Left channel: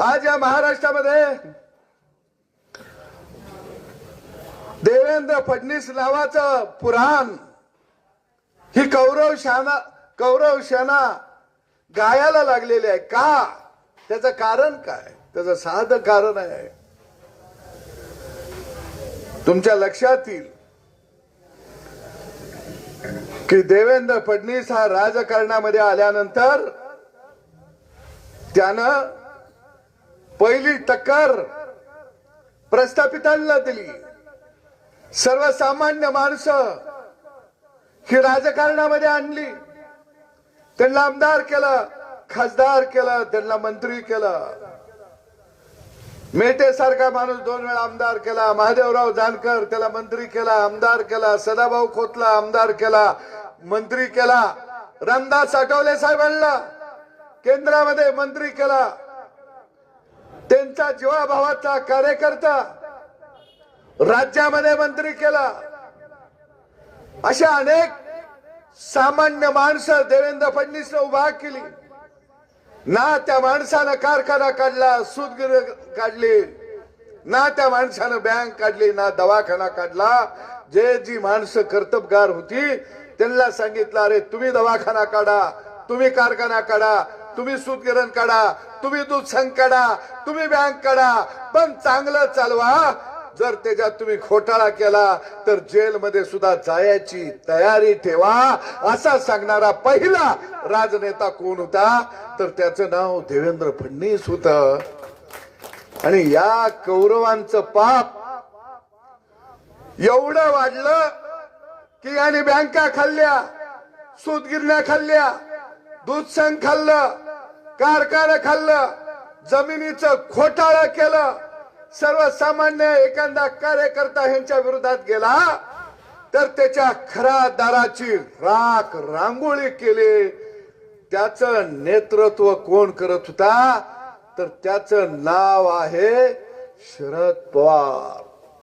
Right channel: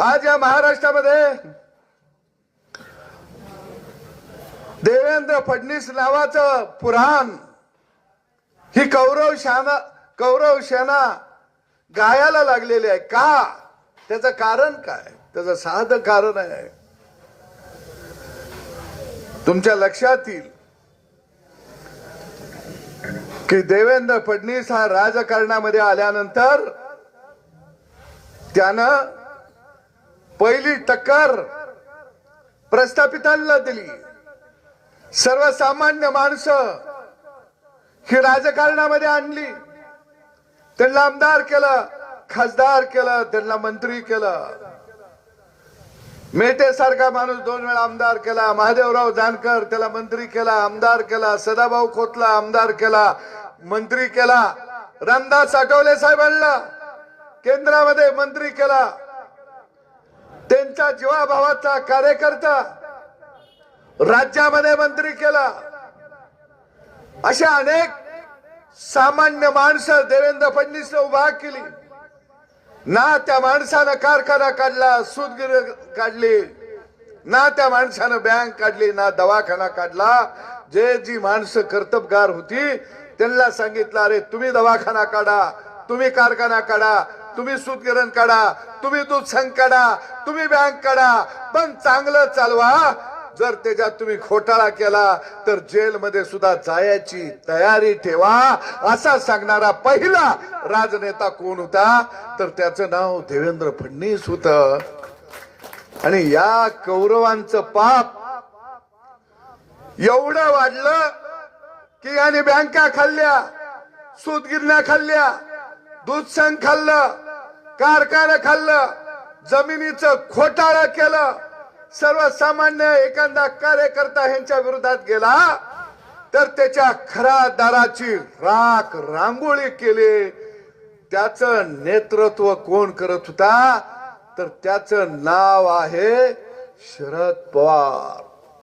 आज या महाराष्ट्रामध्ये देवेंद्र फडणवीस नावाचं पुराण ही कौरव शाना कौरव सेना गायाला लागलेली आहे. का? त्याचं कारण काय? त्याचं साधं कारण आहे. तुमच्या लक्षात येईल की देवेंद्र फडणवीस हा राजकारणामध्ये आल्यानंतर त्यानं पहिली टक्कर प्रस्थापितांना दिली. सर्वसामान्य माणसं ही राजकारणामध्ये आणली. त्यांना आमदार केलं खासदार केलं त्यांना मंत्री केलं. मेटे सारखा माणूस दोन वेळा आमदार केला महादेवराव जानकर त्याला मंत्री केला आमदार केला सदाभाऊ खोतला आमदार केला मंत्री केला. रामदास आठवले साहेबांना केंद्रामध्ये मंत्री केला. त्यांचा जीवाभावाचा कार्यकर्ता राज्यामध्ये मंत्री केला. अशा अनेक सामान्य माणसं देवेंद्र फडणवीसने उभा केली. ना त्या माणसानं कारखाना काढला सूतगिर काढली. ना त्या माणसानं बँक काढली ना दवाखाना काढला. जे जी माणसं कर्तबगार होती त्यांना सांगितलं अरे तुम्ही दवाखाना काढा तुम्ही कारखाना काढा तुम्ही सूतगिरण काढा तुम्ही दूध संघ काढा तुम्ही बँक काढा. पण चांगलं चालवा. जर त्याच्यात तुम्ही घोटाळा केला तर जेलमध्ये सुद्धा जायची तयारी ठेवा. असा सांगणारा पहिला राजनेता कोण होता? तर त्याचं नाव देवेंद्र फडणवीस होत. आणि या कौरवांचं पाप एवढं वाढलं की याने बँका खाल्ल्या सूतगिरण्या खाल्ल्या. दूध सण खाल्लं कारखाना खाल्लं जमिनीचं घोटाळा केलं सर्वसामान्य एखादा कार्यकर्ता ह्यांच्या विरोधात गेला तर त्याच्या खरा दाराची राख रांगोळी केली. त्याच नेतृत्व कोण करत होता? तर त्याचं नाव आहे शरद पवार.